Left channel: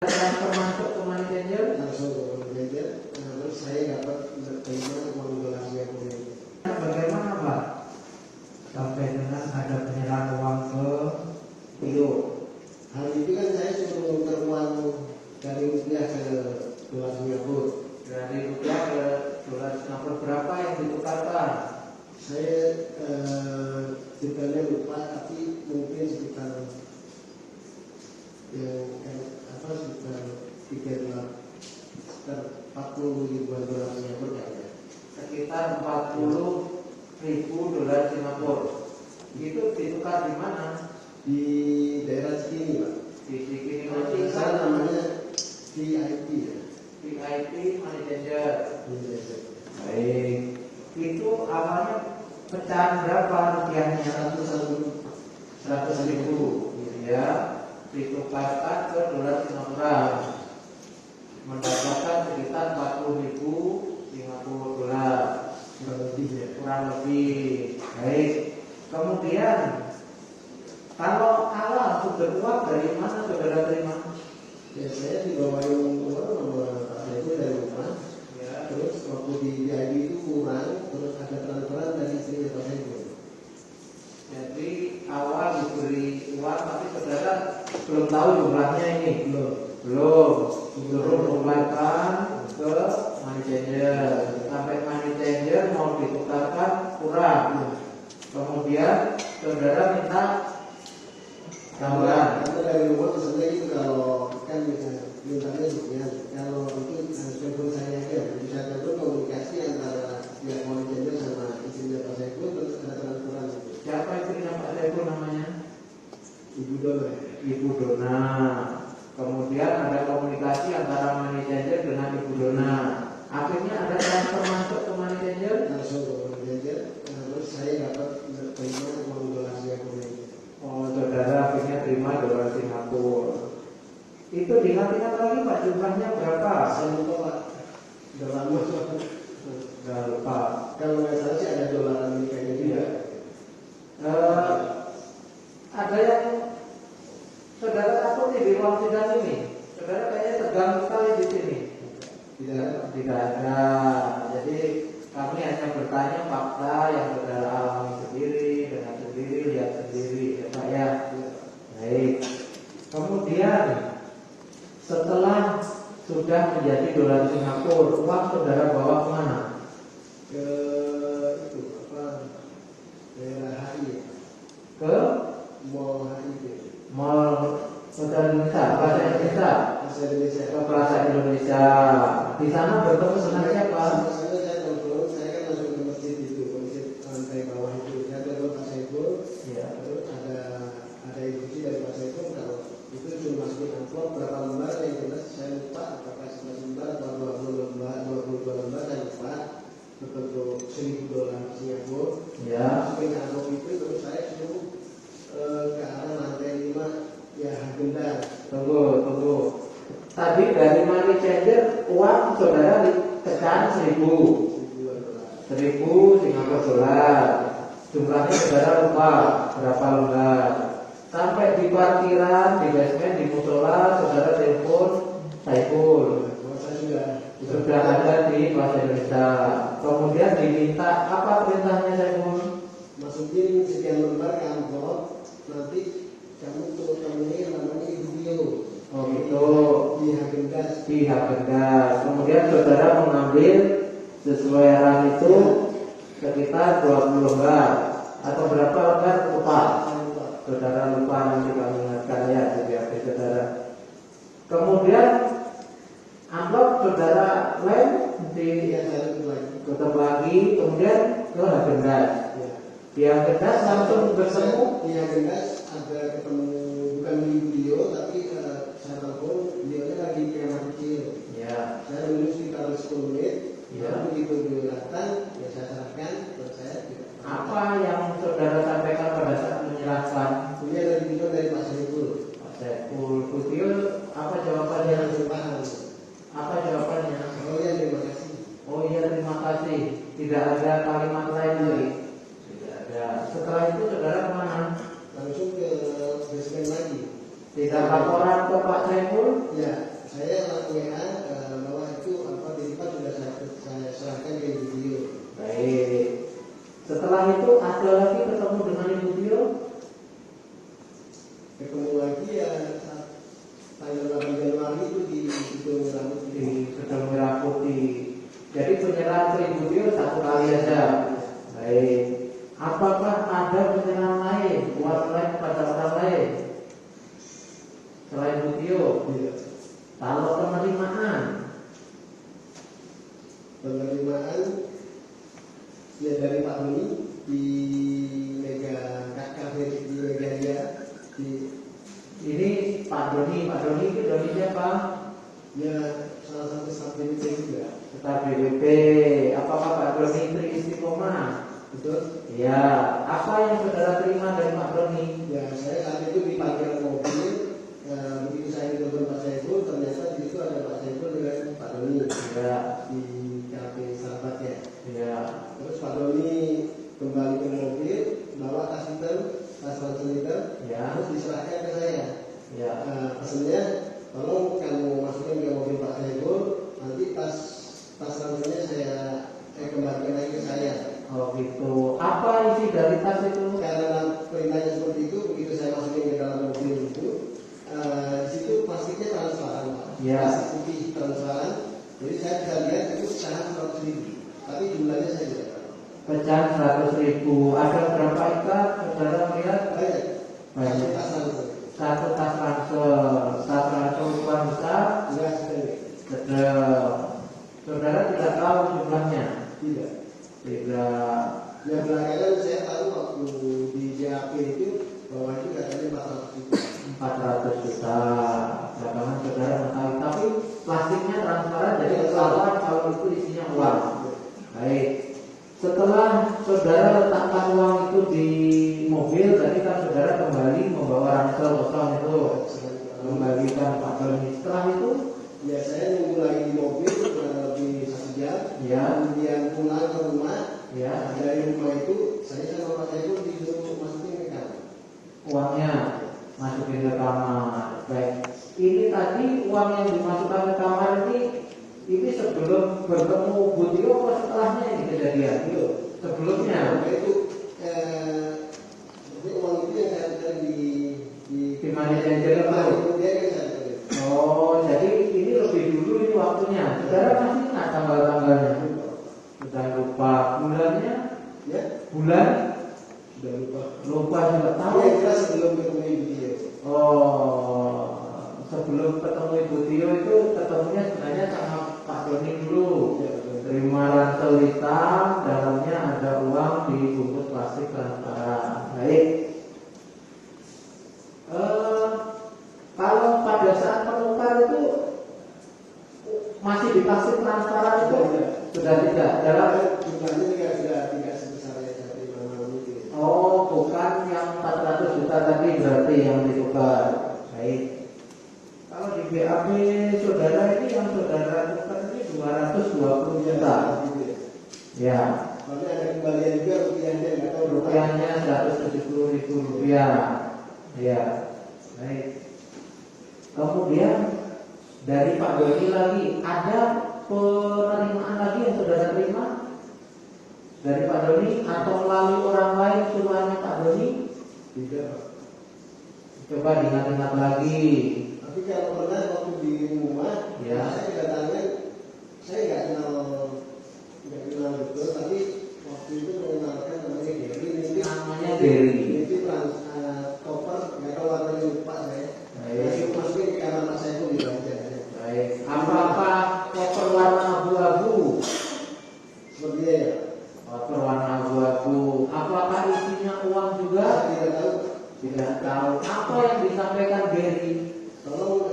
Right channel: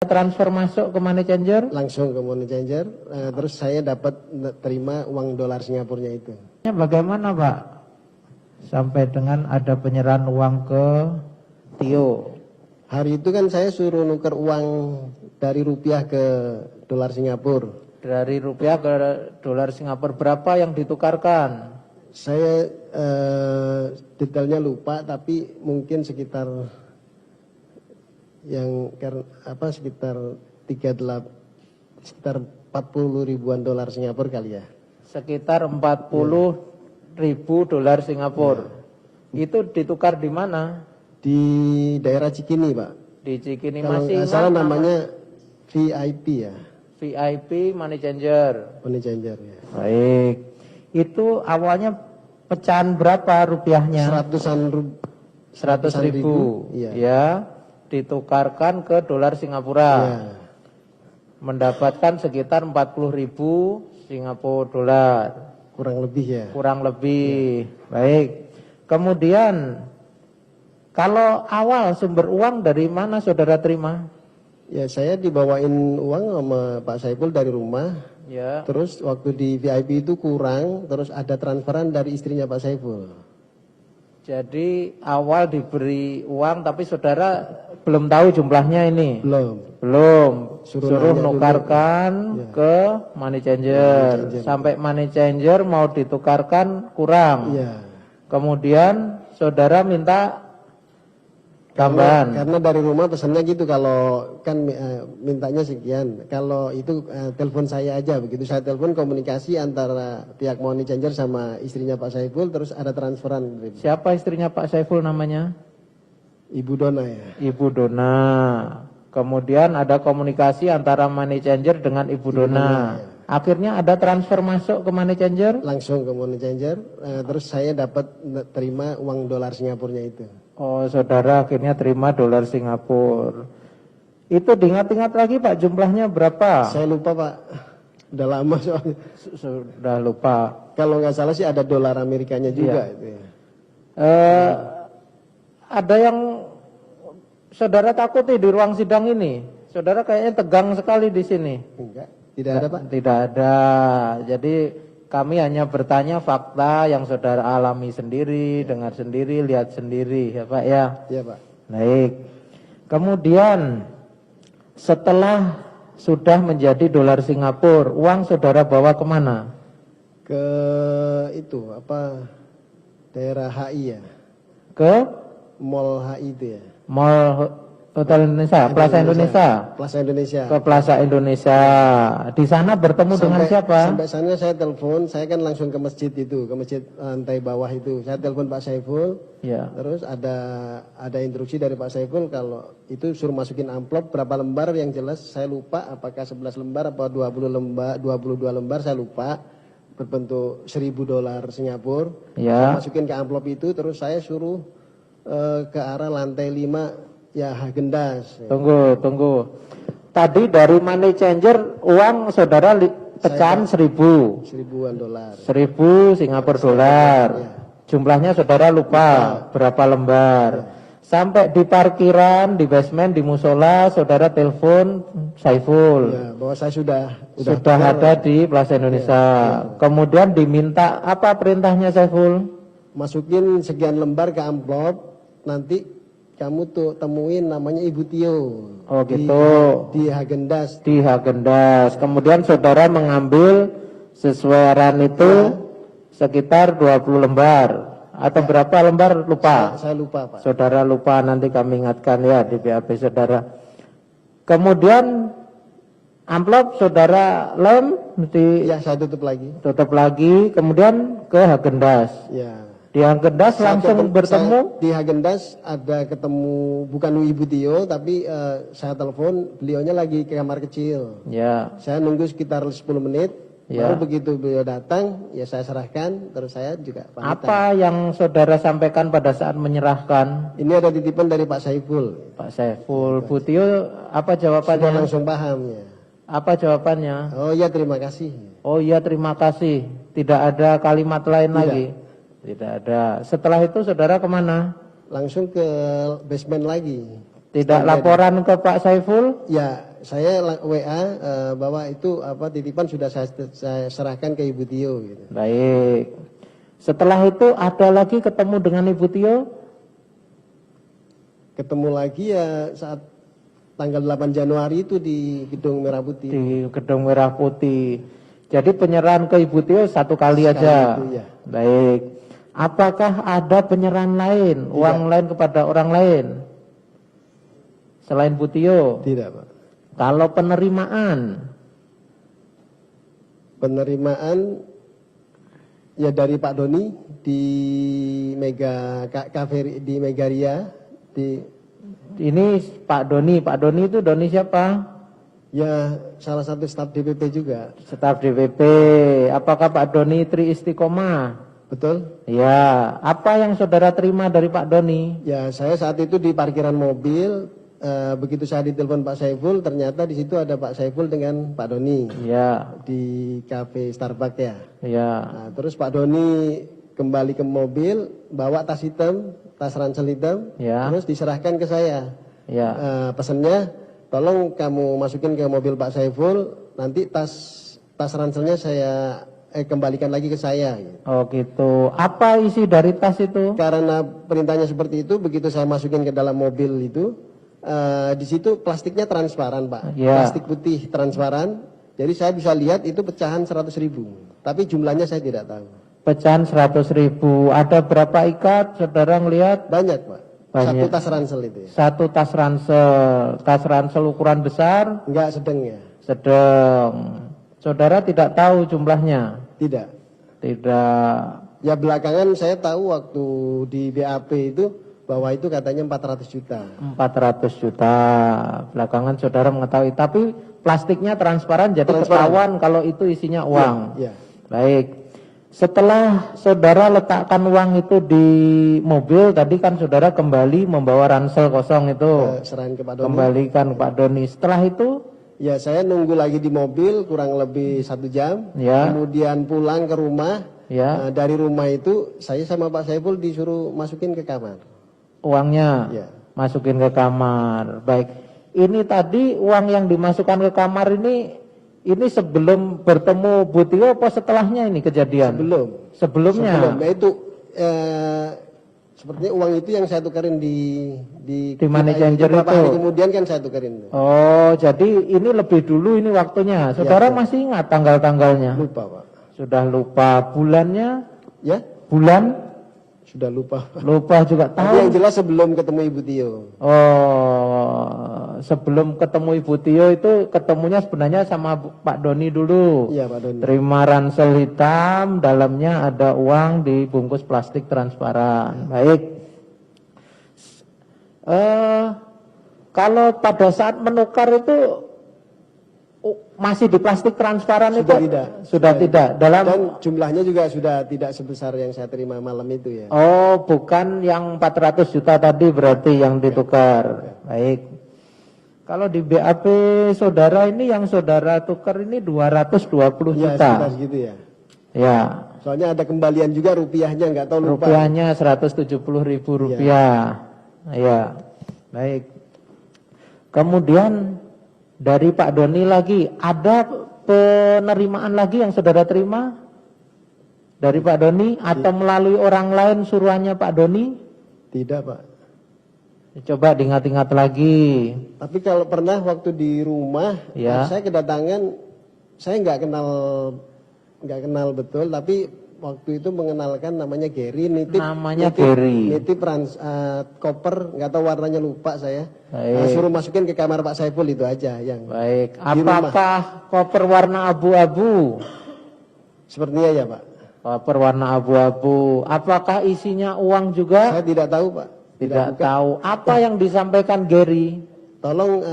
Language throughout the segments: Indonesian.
transfer masuk ke money changer? Langsung ke money changer, terus saya dapat terima uang dolar Singapura itu. Bagaimana Pak? Sampai dengan ada penyerahan uang ke Tio. Hari itu kan saya suruh nuker uang dari rupiah ke dolar Singapura. Dari rupiah ke dolar Singapura berapa yang ditukarkan? Saya detailnya lupa, tapi mungkin sekitar sekitar 40 ribuan dolar Singapura kali ya. Sekitar 40.000 dolar Singapura. Itu ditukar di mana? Di daerah Cikini, Pak. Di Cikini. Kalau masih salah namanya VIP ya. VIP money changer. Money changer. Baik. Itu awalnya pecahan berapa rupiahnya? 100.000. Iya. Ya, ditukarkan ke dolar Singapura. Ya. Mendapatkan sekitar 40.000 Singapura dolar. Kurang lebih ya. Kurang lebih. Baik. Kemudian kalau awal sumber uang dari mana saudara terima? Ya, saya dibawain uang sama Pak Saiful dari rumah. Ya. Terus waktu di VIP itu kurang, terus ada transferan dari istrinya Pak Saiful. Jadi awal diberi uang tapi saudara belum tahu jumlahnya ini. Belum. Suruh nukarkan ke money changer. Sampai money changer mau ditukarkan kurang. Iya. Kemudian saudara minta tambahan. Karena dari rumah pesannya gitu, kalau kan mintanya sekian. Kalau itu telepon saya aja, begitu saya telepon komunikasi antara pihak money changer sama istrinya Pak Saiful, terus ada transferan gitu. Siapa istrinya Pak Saiful namanya? Ibu Dona ya. Ibu Dona. Kemudian ada komunikasi antara money changer dengan Ibu Dona. Akhirnya ada transfer masuk ke money changer? Langsung ke money changer, terus saya dapat terima uang dolar Singapura itu. Oh, saudara akhirnya terima dolar Singapura. Itu diingat-ingat lagi Pak, jumlahnya berapa? Saya lupa Pak, udah lama soalnya. Sudah lupa. Kalau nggak salah sih ada dolar Amerikanya juga. Iya. Ada yang saudara takuti di ruang sidang ini? Saudara kayaknya tegang sekali di sini. Enggak, tidak ada Pak. Tidak ada. Jadi kami hanya bertanya fakta yang saudara alami sendiri, dengar sendiri, lihat sendiri, ya Pak ya. Iya Pak. Baik. Kemudian setelah sudah menjadi dolar Singapura, uang saudara bawa kemana? Ke itu daerah HI ya. Ke Mall HI itu ya. Mall Hotel Indonesia, Plaza Indonesia. Plaza Indonesia. Ke Plaza Indonesia. Di sana bertemu dengan siapa? Sampai sana saya telepon, saya kan langsung ke masjid itu, ke masjid lantai bawah itu. Saya telepon Pak Saiful. Ya. Terus ada instruksi dari Pak Saiful kalau itu suruh masukin amplop berapa lembar, yang jelas saya lupa apakah 11 lembar atau 20 lembar, 22 lembar saya lupa, berbentuk 1.000 dolar Singapura. Ya. Masukin ke amplop itu, terus saya suruh ke arah lantai 5 ya, Hagendas. Tunggu. Tadi dari money changer uang saudara pecahan 1.000. 1.000-an dolar. 1.000 Singapura dolar. Jumlahnya saudara lupa berapa lembar. Sampai di parkiran, di basement, di musola, saudara telepon Saiful. Ya, bahwa saya sudah ada di Plaza Indonesia. Kemudian diminta apa perintahnya Saiful? Masukin sekian lembar ke amplop, nanti kamu tuh temuin namanya Ibu Tio. Oh gitu. Di Hagendas. Di Hagendas. Kemudian saudara mengambil sesuai RAM itu sekitar 20 lembar atau berapa lembar lupa? Saya lupa Pak. Saudara lupa, nanti kami ingatkan ya di BAP saudara. Kemudian amplop saudara lem Ya, saya tutup lagi. Kemudian ke Hagendas. Ya. Di Hagendas langsung bertemu. Di Hagendas ada ketemu bukan Ibu Tio, tapi saya telepon, beliaunya lagi ke kamar kecil. Ya. Saya nunggu sekitar 10 menit. Ya. Baru begitu beliau datang, ya saya serahkan, terus saya juga pamitan. Apa yang saudara sampaikan pada saat menyerahkan? Ini ada titipan dari Pak Saiful. Pak Saiful. Bu Tio apa jawabannya? Semua langsung paham. Apa jawabannya? Oh iya, terima kasih. Oh iya, terima kasih. Tidak ada kalimat lain lagi? Tidak ada. Setelah itu saudara kemana? Langsung ke basement lagi. Tidak laporan ke Pak Saiful? Ya, saya WA bahwa itu titipan sudah saya serahkan ke Ibu Tio. Baik. Setelah itu ada lagi ketemu dengan Ibu Tio? Ketemu lagi ya saat tanggal 8 Januari itu di Gedung Merah Putih. Di Gedung Merah Putih. Jadi penyerahan ke Ibu Tio satu kali aja. Iya. Baik. Apakah ada penyerahan lain, uang lain kepada orang lain selain Bu Tio? Tidak, Pak. Kalau penerimaan ya dari Pak Doni di Cafe di Megaria ini Pak Doni itu Doni siapa? ya salah satu staf DPP juga. Staf DPP. Apakah Pak Doni Tri Istiqomah? Betul? Ya, apa yang saudara terima dari Pak Doni? Ya, saya saat itu di parkiran mobil, begitu saya ditelepon Pak Saiful, ternyata di situ ada Pak Saiful dengan Pak Doni. Ya. Di cafe Starbucks ya. Ya. Nah, terus Pak Doni kembali ke mobil, bawa tas hitam, tas ransel hitam, Ya. terus diserahkan ke saya. Ya. Pesannya, tolong kamu masukin ke mobil Pak Saiful, nanti tas ranselnya saya kembalikan lagi ke saya. Oh gitu. Apa isi dari tas itu? Karena perintahnya seperti itu, begitu saya masukin ke dalam mobil itu, di situ plastiknya transparan, Pak. Ya. Plastik putih transparan. Jadi saya bisa lihat itu pecahan 100.000. Tapi jumlahnya saya tidak tahu. Pecahan 100.000. Ada berapa ikat? Saudara melihat? Banyak, Pak. Banyak. Satu tas ransel itu. Satu tas ransel. Tas ransel ukuran besar? Enggak sedang ya. Sedang. Saudara tidak tahu jumlahnya? Tidak. Tidak. Ya belakangan saya tahu waktu di BAP itu bahwa itu katanya 400 juta. 400 juta. Belakangan saudara mengetahui. Tapi plastiknya transparan jadi Transparan. ketahuan kalau itu isinya uang. Ya. Baik. Setelah saudara letakkan uang itu di mobil, tadi kan saudara kembali membawa ransel kosong itu. Serahin ke Pak Doni. Kembalikan Pak Doni. Setelah itu? Ya saya nunggu lagi di mobil kurang lebih 1 jam. Ya. Kemudian pulang ke rumah. Ya. Nah, dari rumah itu saya sama Pak Saiful disuruh masukin ke kamar. Uangnya Ya. masukin ke kamar. Baik. Ini tadi uang yang dimasukkan ke kamar ini sebelum bertemu Bu Tio apa setelahnya ini kejadian? Belum. Sebelumnya. Nah itu sepertinya uang itu yang saya tukarin di money changer beberapa itu. hari kemudian kan saya tukarin. Oh, jadi ini lebih dulu ini waktunya. Saudara masih ingat tanggal-tanggalnya? Lupa, Pak. Sudah lupa bulannya? Ya? Bulan? Sudah lupa. Lupa juga. Tapi Tahu? yang jelas sebelum ketemu Ibu Tio. Oh, sebelum ketemu Ibu Tio itu ketemunya sebenarnya sama Pak Doni dulu. Iya, Pak Doni. Terima ransel hitam, dalamnya ada uang dibungkus plastik transparan. Baik. Kalau pada saat menukar itu masih di plastik transparan Sudah itu? tidak. Sudah tidak. Dalam Dan jumlahnya juga sudah tidak sebesar yang saya terima malam itu ya. Oh, bukan yang 400 juta tadi berarti yang ditukar. Baik. Kalau di BAP saudara ini yang saudara tukar ini 220 Ya, juta. sekitar segitu ya. Ya. Soalnya ada kembalian juga rupiahnya nggak tahu lupa. Rupiahnya 170.000 rupiah. Ya. Baik. Kemudian dari Pak Doni lagi ada penerimaan lagi yang saudara terima dari Pak Doni atau melalui orang lain suruhannya Pak Doni? Tidak, Pak. Coba diingat-ingat lagi. Tapi kalau pernah waktu di rumah, Ya. saya kedatangan, saya nggak kenal betul, tapi waktu itu mengenalkan namanya Gary, nitip koper, nggak tahu warnanya lupa saya. Baik. Suruh masukin ke kamar Pak Saiful itu aja yang. Baik. Apakah koper warna abu-abu? Sepertinya ya, Pak. Koper warna abu-abu. Apakah isinya uang juga? Saya tidak tahu, Pak. Tidak tahu. Apa yang disampaikan Gary? Tolong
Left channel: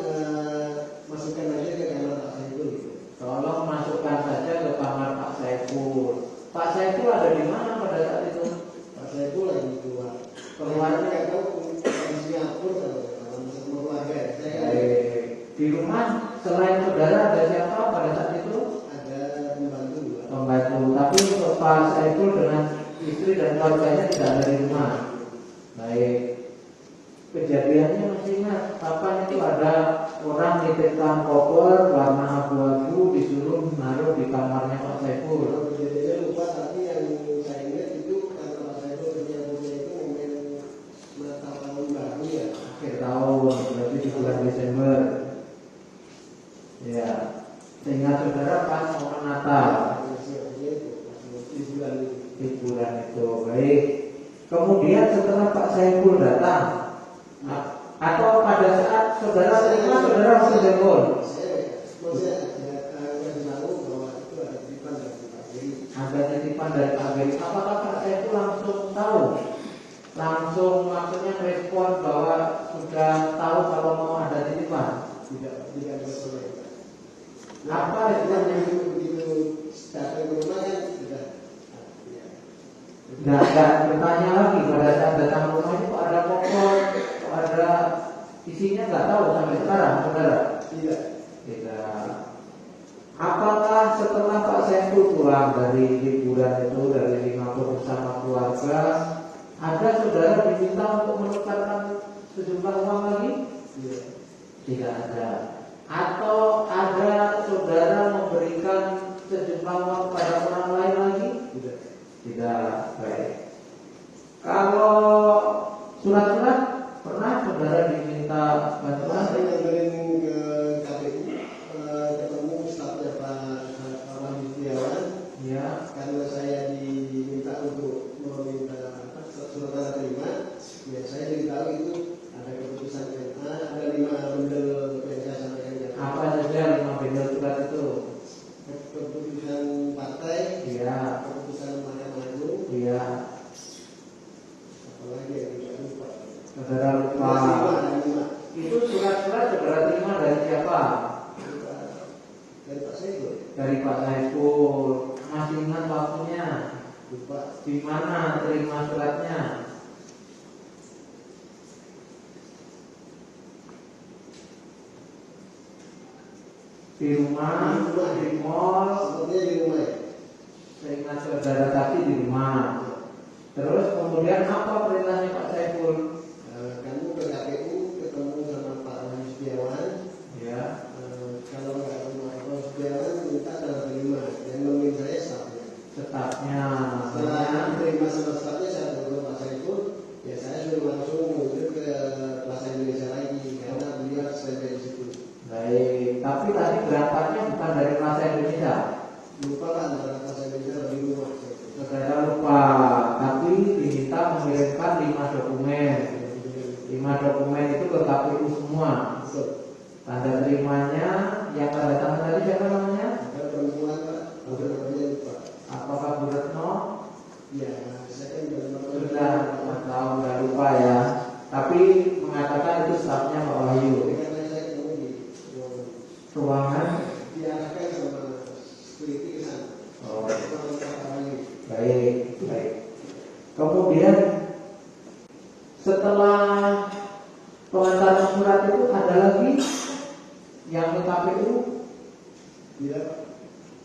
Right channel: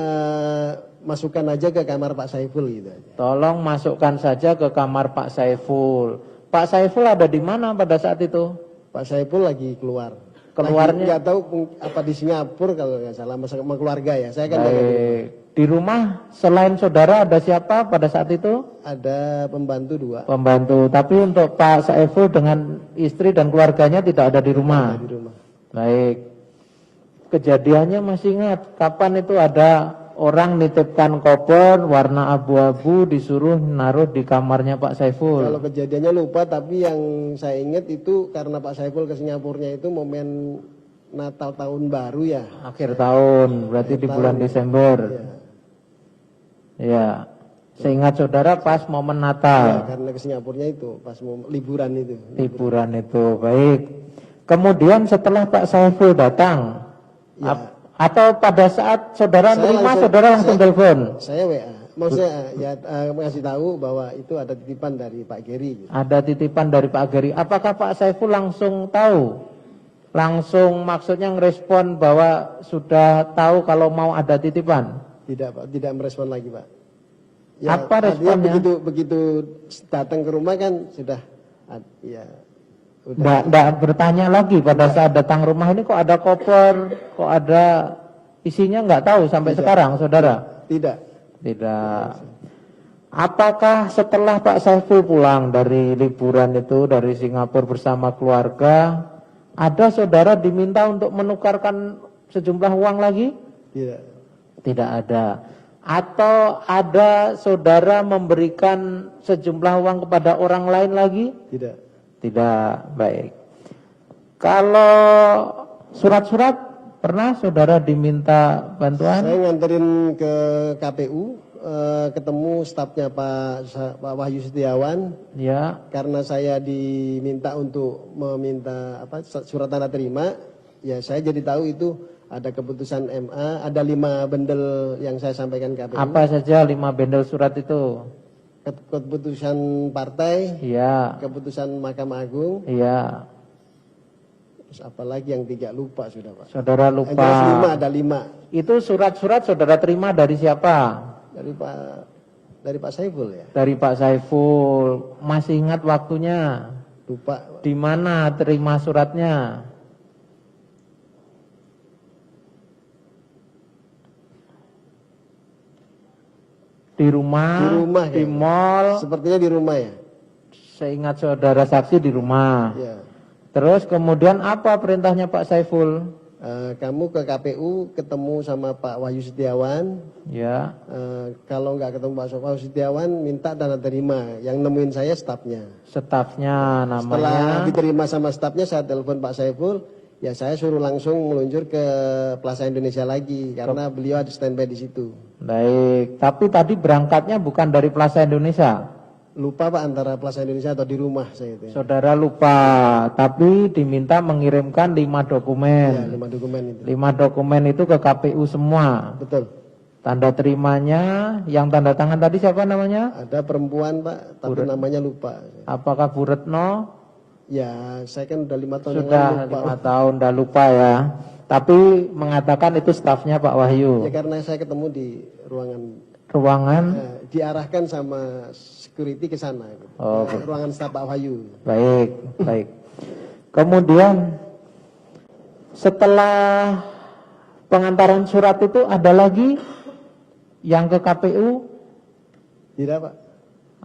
masukkan aja ke kamar Pak Saiful gitu. Tolong masukkan saja ke kamar Pak Saiful. Pak Saiful ada di mana pada saat itu? Pak Saiful lagi keluar. Keluarnya? Nggak tahu apa di Singapura kalau nggak salah sama keluarga ya. Saya kan Baik. Di rumah selain saudara ada siapa pada saat itu? ada pembantu 2. Pembantu. Tapi untuk Pak Saiful dengan istri dan keluarganya tidak ada di rumah. Baik. kejadiannya masih ingat kapan itu ada orang nitipkan koper warna abu-abu disuruh naruh di kamarnya Pak Saiful. Kalau kejadiannya lupa, tapi yang saya ingat itu karena Pak Saiful ke Singapurnya itu momen Natal tahun baru ya. Akhir tahun, berarti di bulan Desember. Ya, seingat saudara pas momen Ya, Natal. karena ke Singapurnya itu pas mau liburan itu. Liburan itu, baik. Kemudian setelah Pak Saiful datang, Ya. atau pada saat saudara rumah, saudara langsung telepon. Saya WA. Maksudnya ya ngasih tahu bahwa itu ada titipan dari Pak Geri. Ada titipan dari Pak Geri. Apakah Pak Saiful langsung tahu? Langsung maksudnya ngerespon bahwa sudah tahu kalau mau ada titipan? Tidak Pak, tidak merespon lagi Pak. Apa responnya? Begitu datang ke rumah kan sudah ya. Nggak bertanya lagi pada saat datang rumah ini kok ada koper, kok ada isinya, nggak tahu sampai sekarang saudara? Tidak. Tidak. Apakah setelah Pak Saiful pulang dari liburan itu dari Singapura bersama keluarga, ada saudara diminta untuk menukarkan sejumlah uang lagi? Tidak. Tidak ada. Atau ada saudara memberikan sejumlah uang kepada orang lain lagi? Tidak. Tidak. Baik. Kalau surat-surat pernah saudara diminta bantuan? Saya nganterin ke KPU, ketemu stafnya Pak Wahyu Setiawan. Ya. Karena saya diminta untuk meminta surat tanda terima, ya saya jadi tahu itu ada keputusan MA, ada 5 bendel yang saya sampaikan ke KPU. Apa saja 5 bendel surat itu? Keputusan partai, Iya. keputusan Mahkamah Agung, Iya. terus apalagi yang tidak lupa sudah Pak. Saudara lupa. Ada 5. Itu surat-surat saudara terima dari siapa? Dari Pak Saiful ya. Dari Pak Saiful. Masih ingat waktunya? Lupa. Di mana terima suratnya? Di rumah, di mall. Sepertinya di rumah ya. Seingat saudara saksi di rumah. Ya. Terus kemudian apa perintahnya Pak Saiful? Kamu ke KPU ketemu sama Pak Wahyu Setiawan. Ya. Kalau nggak ketemu Pak Wahyu Setiawan, minta tanda terima. Yang nemuin saya stafnya. Stafnya namanya. Setelah diterima sama stafnya, saya telepon Pak Saiful. Ya saya suruh langsung meluncur ke Plaza Indonesia lagi karena beliau ada standby di situ. Baik, tapi tadi berangkatnya bukan dari Plaza Indonesia. Lupa Pak antara Plaza Indonesia atau di rumah saya itu. Saudara lupa, tapi diminta mengirimkan 5 dokumen. 5 dokumen itu. 5 dokumen itu ke KPU semua. Betul. Tanda terimanya, yang tanda tangan tadi siapa namanya? Ada perempuan Pak, tapi namanya lupa. Apakah Bu Retno? Ya, saya kan udah 5 tahun. Sudah 5 tahun, udah lupa ya. Tapi mengatakan itu stafnya Pak Wahyu. Ya karena saya ketemu di Ruangan? diarahkan sama security ke sana. Oh, Ruangan staf Pak Wahyu. baik, baik. Kemudian setelah pengantaran surat itu ada lagi yang ke KPU? Tidak Pak.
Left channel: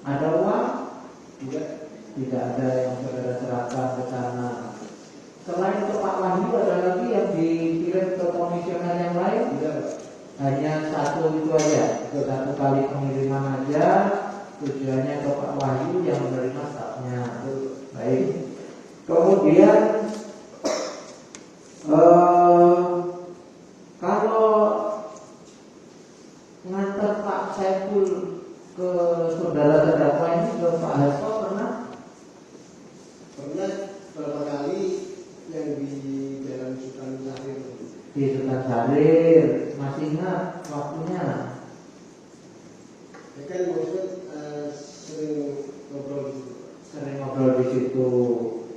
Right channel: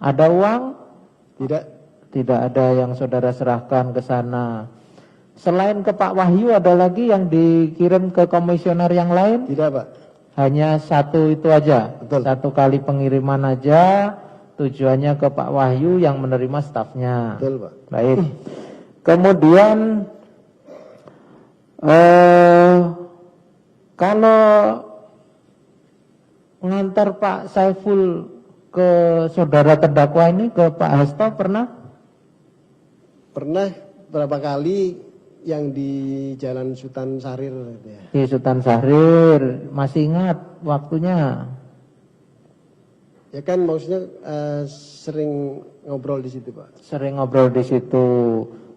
Ada uang? Tidak. Tidak ada yang saudara serahkan ke sana. Selain ke Pak Wahyu ada lagi yang dikirim ke komisioner yang lain? Tidak Pak. Hanya satu itu aja. Betul. Satu kali pengiriman aja, tujuannya ke Pak Wahyu yang menerima stafnya. Betul Pak. Baik. Kemudian kalau mengantar Pak Saiful ke saudara terdakwa ini, ke Pak Hasto pernah? Pernah berapa kali yang di Jalan Sultan Syahrir ya. Di Sultan Syahrir, masih ingat waktunya? Ya kan maksudnya sering ngobrol di situ Pak. Sering ngobrol di situ.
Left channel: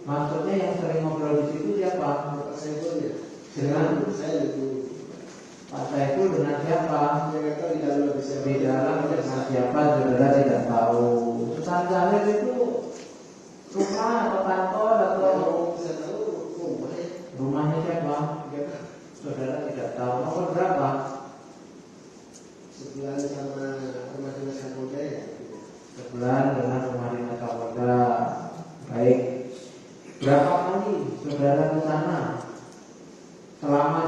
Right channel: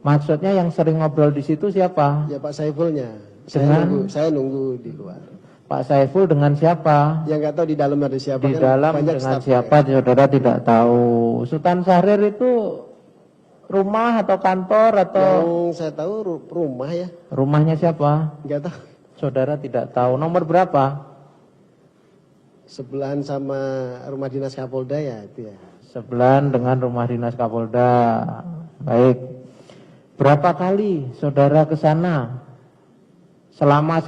Maksudnya yang sering ngobrol di situ siapa? Ya Pak Saifulnya. Saya nunggu gitu Pak. Pak Saiful dengan siapa? Ya nggak tahu di dalam ada siapa. Di kan dalam banyak dengan staff. siapa saudara tidak tahu. Sultan Syahrir itu rumah atau kantor atau? Yang saya tahu rumah ya. Rumahnya siapa? Nggak tahu. Saudara tidak tahu. Nomor berapa? Sebelahan sama rumah dinas Kapolda ya itu ya. Sebelahan dengan rumah dinas Kapolda. Baik. Berapa kali saudara ke sana? selama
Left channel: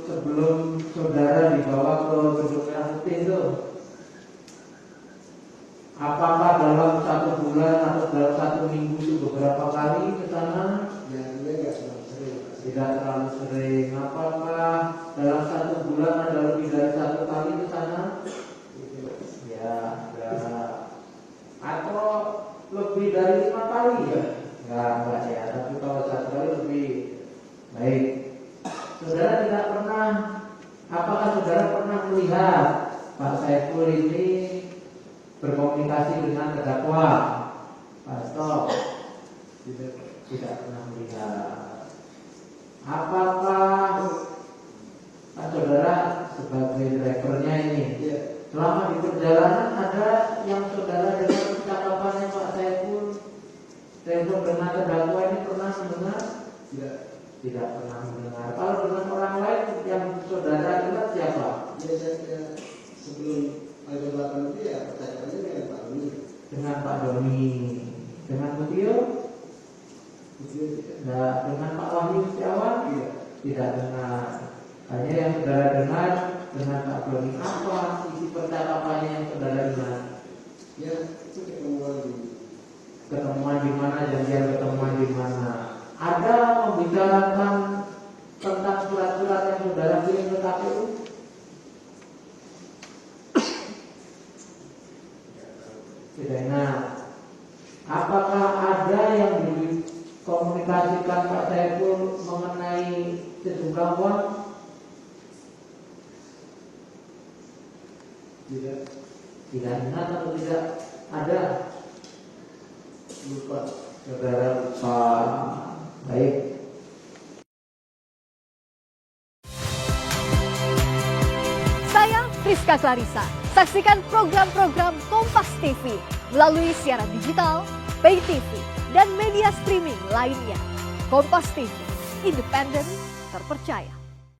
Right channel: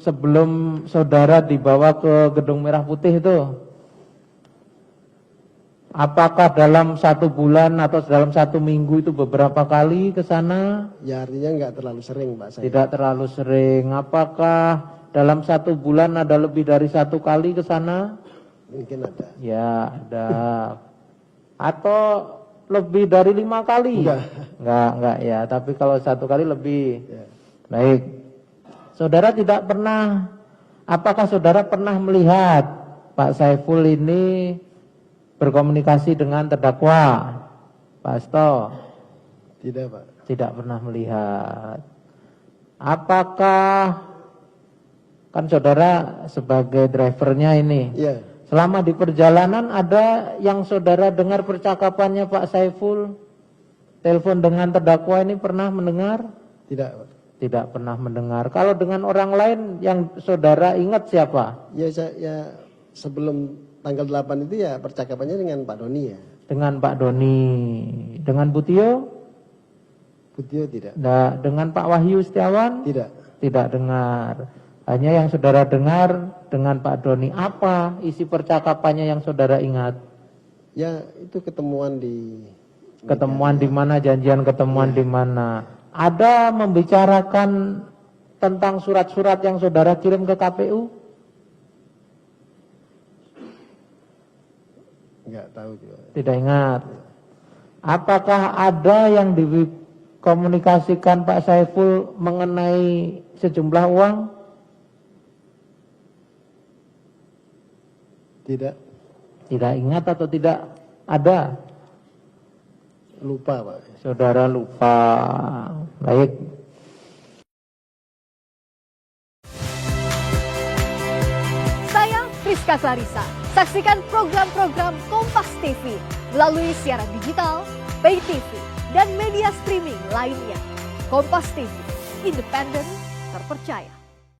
sebelum saudara dibawa ke Gedung Merah Putih itu, apakah dalam 1 bulan atau dalam 1 minggu itu beberapa kali ke sana? Ya artinya nggak terlalu sering Pak Saiful. Tidak terlalu sering. Apakah dalam 1 bulan ada lebih dari 1 kali ke sana? Mungkin ada. Ya, ada. Atau lebih dari 5 kali? Enggak ya. Tapi kalau 1 kali lebih. Baik. Saudara tidak pernah, apakah saudara pernah melihat Pak Saiful ini berkomunikasi dengan terdakwa? Pak Asto? Tidak Pak. Tidak pernah melihat. Apakah, kan saudara sebagai drivernya ini, Iya. selama di perjalanan ada yang saudara dengar percakapannya Pak Saiful, telepon dengan terdakwa ini pernah mendengar? Tidak. Tidak pernah mendengar. Kalau dengan orang lain yang saudara ingat siapa? Ya sebelum tanggal 8 itu ya percakapannya dengan Pak Doni ya. Dengan Pak Doni. Dengan Butio? Butio tidak. Dengan Pak Wahyu Setiawan? Tidak. Tidak dengar. Hanya yang saudara dengar dengan Pak Doni. Apa isi percakapannya yang saudara ingat? Ya itu ketemuan di mana, janjian ketemuan di mana? Ada membicarakan tentang surat-surat yang saudara kirim ke KPU? Enggak tahu. Tidak ingat. Apakah ada yang dikomunikasikan Pak Saiful mengenai sejumlah uang? Tidak. Tidak ingat atau tidak ada? Lupa Pak. Saudara lupa. Baik. Saya Priska Clarissa. Saksikan program-program Kompas TV melalui siaran digital, pay TV, dan media streaming lainnya. Kompas TV, independen, terpercaya.